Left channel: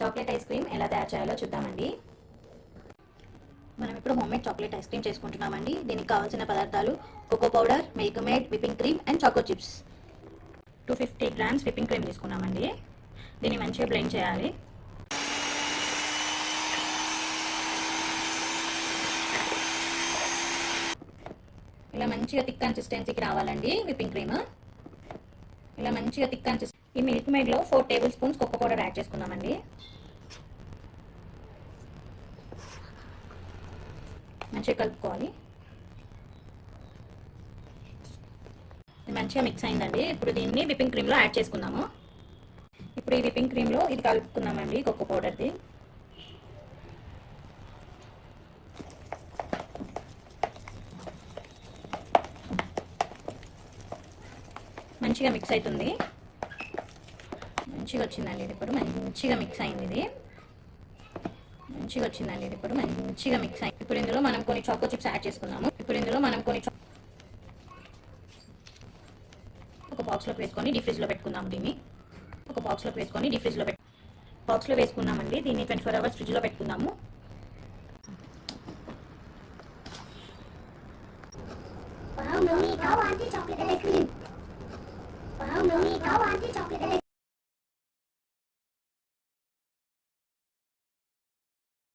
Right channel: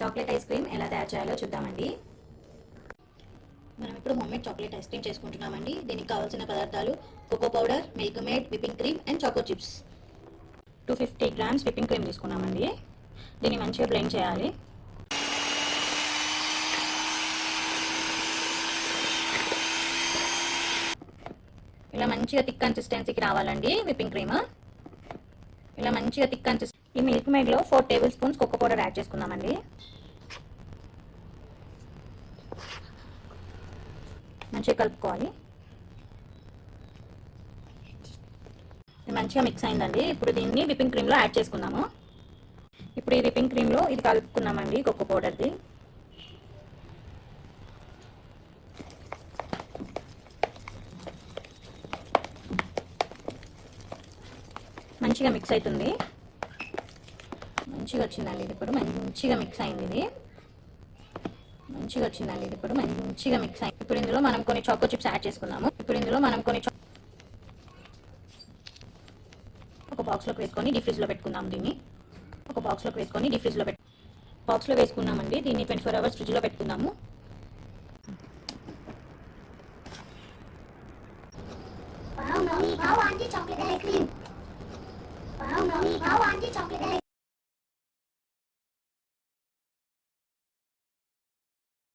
Chocolate ice cream ఎలా తయారు చేయాలో చూద్దామండి. మనం ఇప్పుడు హోమ్మేడ్ చాక్లెట్ ఐస్ క్రీమ్ చేసుకుంటున్నామండి. దీనికి కావాల్సిన పదార్థాలు cocoa powder, Milkmaid, whipping cream and choco chips. 250 grams whipping cream తీసుకున్నామండి. దీన్ని మంచిగా బ్లెండ్ చేయాలి. ఇలా మంచిగా థిక్ కన్సిస్టెన్సీకి రావాలండి విప్పింగ్ క్రీమ్. ఇలా మంచిగా థిక్ కన్సిస్టెన్సీ. ఈ మిల్క్ మేడ్లో 4 tablespoons cocoa powder add చేసుకున్నామండి. మంచిగా కలుపుకోవాలి. మంచిగా మిక్స్ అయిందండి. ఇప్పుడు దీన్ని విప్పింగ్ క్రీమ్లో యాడ్ చేసుకున్నాము. ఇప్పుడు ఈ విప్పింగ్ క్రీమ్లో ఇది కలుపుకున్నామండి కోకో పౌడర్ది. మంచిగా మిక్స్ అవుతుంది. మంచిగా వచ్చిందండి. ఇది ఇప్పుడు మంచిగా మిక్స్ అయింది. ఇది మంచిగా వచ్చిందండి. ఇది ఇప్పుడు మంచిగా మిక్స్ అయింది. ఇప్పుడు ఇందులో మనం కొన్ని చాకో చిప్స్ యాడ్ చేసుకున్నాము. ఒక బాక్స్లోకి వేసుకొని డీప్ ఫ్రిడ్జ్లో పెట్టుకుందాం. దీన్ని ఒక బాక్స్లోకి వేసుకొని బాక్స్లో వేసుకున్నామండి. దీన్ని 24 hours ఫ్రిడ్జ్లో పెట్టుకుందాము.